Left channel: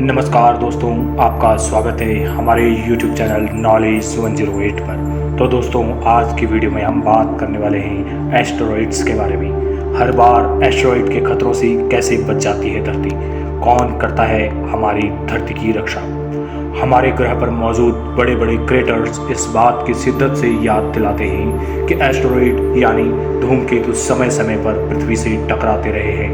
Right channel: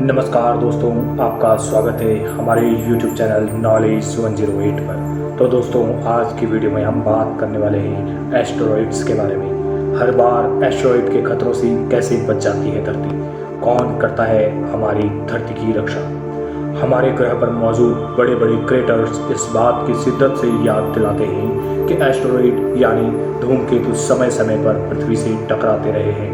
नमस्कार दोस्तों, आपका स्वागत है हमारे YouTube चैनल नॉलेज 108 पर। तो दोस्तों, आज की वीडियो में हम बात करने वाले हैं एस्टेरॉइड्स के बारे में। हर बार एस्टेरॉइड के खतरों से कैसे बच जाती है धरती, कौन करता है हमारी धरती की रक्षा। हमारे ग्रह पर मौजूद बड़े बड़े क्रेटर्स इस बात की शिद्दत से याद दिलाते हैं कि एस्टेरॉइड यानी धूमकेतु समय समय पर पृथ्वी से टकराते रहे हैं।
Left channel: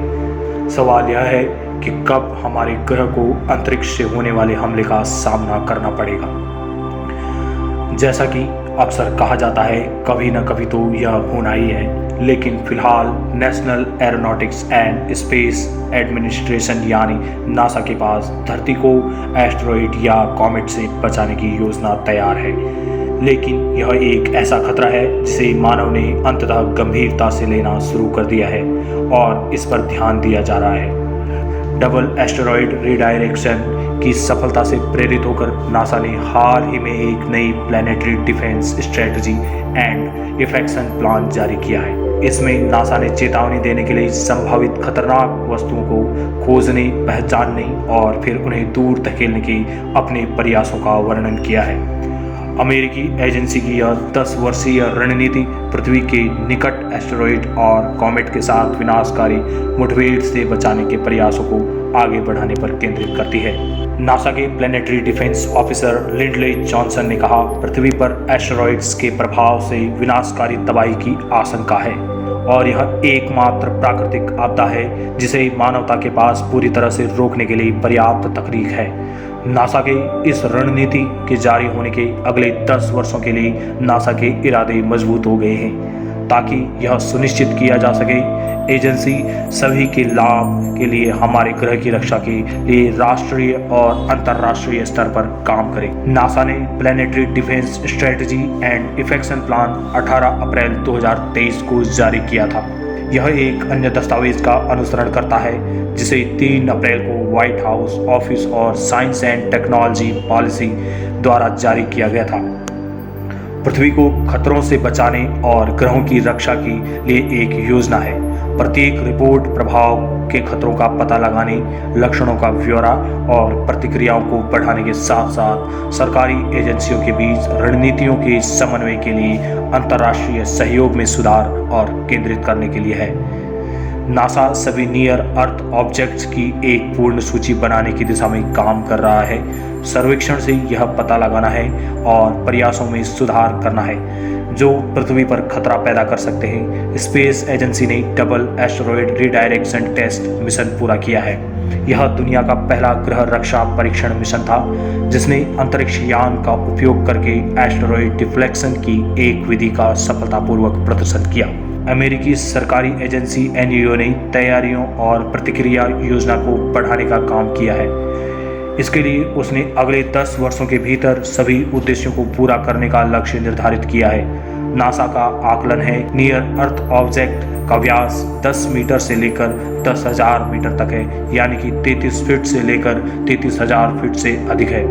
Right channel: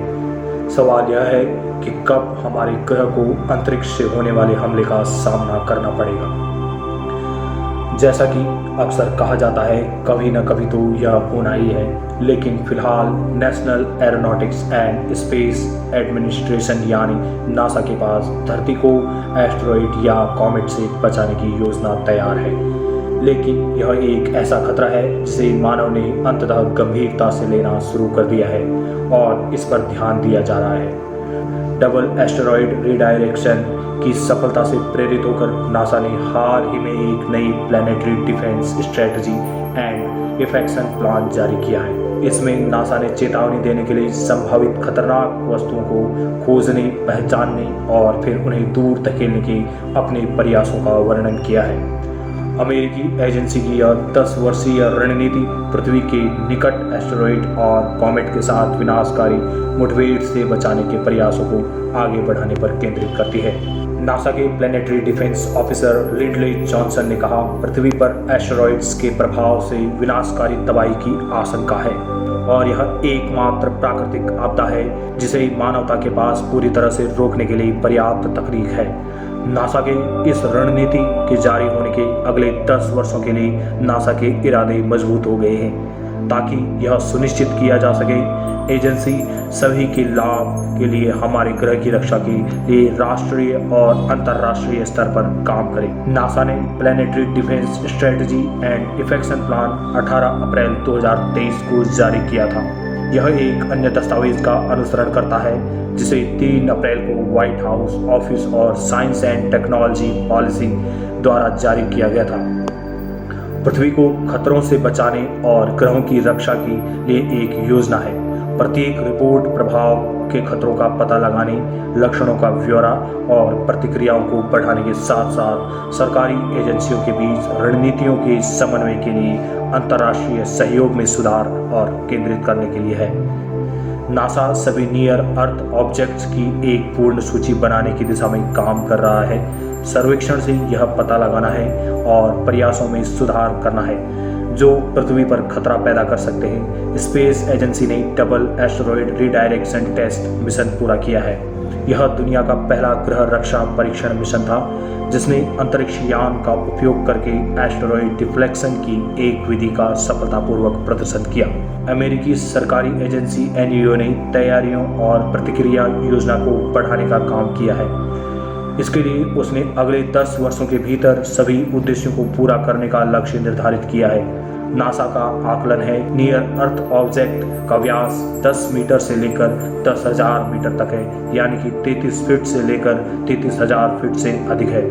सवाल यह है कि कब हमारे ग्रह को अंतरिक्ष से होने वाले हमले का सामना करना पड़ेगा। जैसा कि अक्सर कहा जाता है, कभी न कभी तो यह होना ही है, लेकिन फिलहाल national aeronautics and space administration यानी नासा के पास धरती को एस्टेरॉइड या कॉमेट से बचाने की योजना तैयार है। लेकिन यह एक ऐसा खतरा है जिसे मानव ने अंततः गंभीरता से लेना शुरू कर दिया है और इस पर ध्यान दिया जा रहा है। डबल एस्टेरॉइड रिडायरेक्शन की सफलता से प्रेरित होकर नासा ने हाल ही में एक नई प्लैनेटरी डिफेंस स्ट्रेटजी एंड इफेक्शन प्लान जारी किया है। इसमें नासा ने चेतावनी देने के लिए संभावित खतरनाक वस्तुओं को खोजने, पहचानने और फिर उन्हें दूर धकेलने के अपने प्रयासों का वर्णन किया है। अमेरिकी एजेंसी की यह 10 वर्षीय रणनीति पृथ्वी के निकट एस्टेरॉइड और कॉमेट के साथ विनाशकारी मुठभेड़ से बचाने के प्रयासों को आगे बढ़ाने पर केंद्रित करती है। नासा के planetary defence officer Lindley Johnson ने कहा, पृथ्वी पर एस्टेरॉइड्स के प्रभाव से विनाशकारी तबाही की आशंका है और यह एकमात्र प्राकृतिक आपदा है जिसे मानवता के पास पूरी तरह से रोकने के लिए पर्याप्त तकनीक है। नासा के इस रणनीति के जारी होने के अगले 10 वर्षों के लिए नासा के इरादे मजबूत हो गए हैं ताकि यह सुनिश्चित किया जा सके एजेंसी सभी के लाभ के लिए हमारे ग्रह की रक्षा के लिए राष्ट्रीय और अंतर्राष्ट्रीय स्तर पर काम करे। नासा ने प्लैनेटरी डिफेंस स्ट्रेटजी एंड इफेक्शन प्लान 18 अप्रैल 2023 को जारी किया था। यह एक अन्य दस्तावेज का अनुसरण करता है जिसे 3 अप्रैल को व्हाइट हाउस ऑफिस और साइंस एंड टेक्नोलॉजी पॉलिसी द्वारा जारी किया गया था। पृथ्वी को खतरों से बचाने और ग्रहों की रक्षा के लिए एक योजना है। प्रत्येक रिपोर्ट प्रभाव के खतरों का पता लगाने, लक्षणों का ब्यौरा और प्रतिक्रियाओं को बढ़ाने के साथ साथ सरकारी एजेंसियों के बीच रणनीतियों के समन्वय के लिए अंतर्राष्ट्रीय सहयोग में सुधार और केंद्रित करने के लिए है। नासा सभी नियर अर्थ ऑब्जेक्ट्स की एक पूर्ण सूची बनाने की दिशा में काम कर रहा है। सर्वेक्षण से यह पता लगाना है और प्रयासों में सुधार करना है जो पृथ्वी पर खतरा पैदा कर सकते हैं। स्पेस एजेंसी ने double asteroid redirection test mission पूरा किया है। यह दुनिया का पहला ग्रह रक्षा परीक्षण मिशन था जिसने अंतरिक्ष यान का उपयोग करके एस्टेरॉइड डिफ्लेक्शन की एक विधि का सफलतापूर्वक प्रदर्शन किया। अमेरिकी सरकारी एजेंसी एनईओ ने तैयारियों और प्रतिक्रिया योजना को बढ़ाने का काम किया है। इसके लिए उसने अगले 10 वर्षों के भीतर सभी उद्देश्यों को पूरा करने का लक्ष्य निर्धारित किया है। नासा का आकलन है नियर अर्थ ऑब्जेक्ट का व्यास 10 मीटर से लेकर 10,000 मीटर तक है, यानी कि 33 फीट से लेकर 33,000 फीट से अधिक है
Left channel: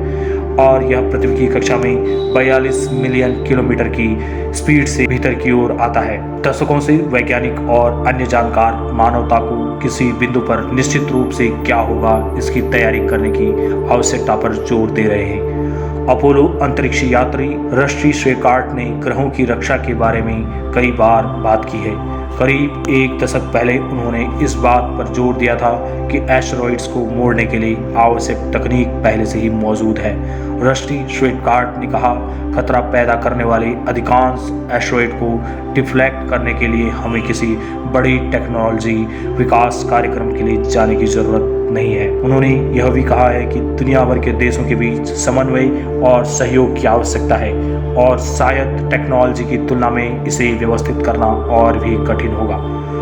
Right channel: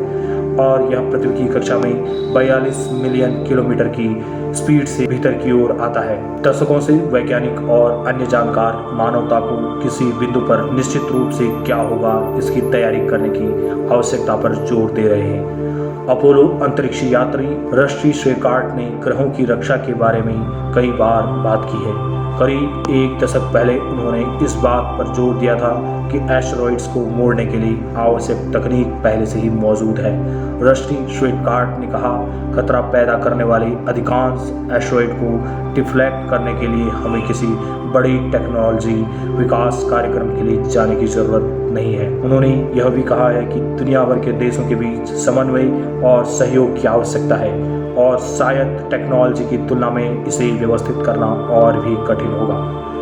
और यह पृथ्वी की कक्षा में 42 मिलियन किलोमीटर की स्पीड से भीतर की ओर आता है। दशकों से वैज्ञानिक और अन्य जानकार मानवता को किसी बिंदु पर निश्चित रूप से क्या होगा इसकी तैयारी करने की आवश्यकता पर जोर दे रहे हैं। अपोलो अंतरिक्ष यात्री रस्टी शेकार्ट ने ग्रहों की रक्षा के बारे में कई बार बात की है। करीब 1 दशक पहले उन्होंने इस बात पर जोर दिया था कि एस्टेरॉइड्स को मोड़ने के लिए आवश्यक तकनीक पहले से ही मौजूद है। रस्टी शेकार्ट ने कहा, खतरा पैदा करने वाले अधिकांश एस्टेरॉइड को डिफ्लेक्ट करने के लिए हमें किसी बड़ी टेक्नोलॉजी विकास कार्यक्रम के लिए जाने की जरूरत नहीं है। उन्होंने यह भी कहा है कि दुनिया भर के देशों के बीच समन्वय और सहयोग की आवश्यकता है और शायद टेक्नोलॉजी की तुलना में इसे व्यवस्थित करना और भी कठिन होगा।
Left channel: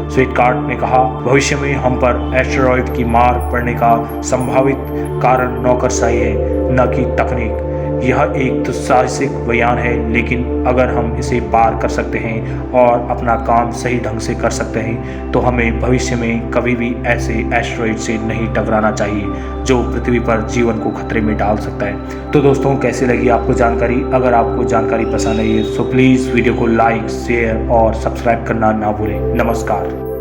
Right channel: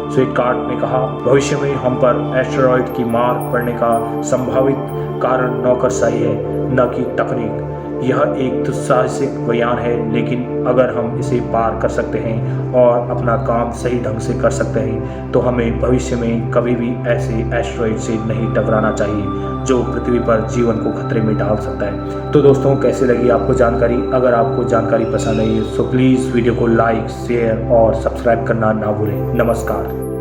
शेकार्ट ने कहा, भविष्य में हम पर एस्टेरॉइड की मार पड़ने का संभावित कारण नौकरशाही है, न कि तकनीक। यह एक दुस्साहसिक बयान है, लेकिन अगर हम इसे पार कर सकते हैं और अपना काम सही ढंग से कर सकते हैं तो हमें भविष्य में कभी भी ऐसे एस्टेरॉइड से नहीं टकराना चाहिए जो पृथ्वी पर जीवन को खतरे में डाल सकता है। तो दोस्तों, कैसी लगी आपको जानकारी? अगर आपको जानकारी पसंद आई तो प्लीज़ वीडियो को लाइक, शेयर और सब्सक्राइब करना ना भूलें। नमस्कार।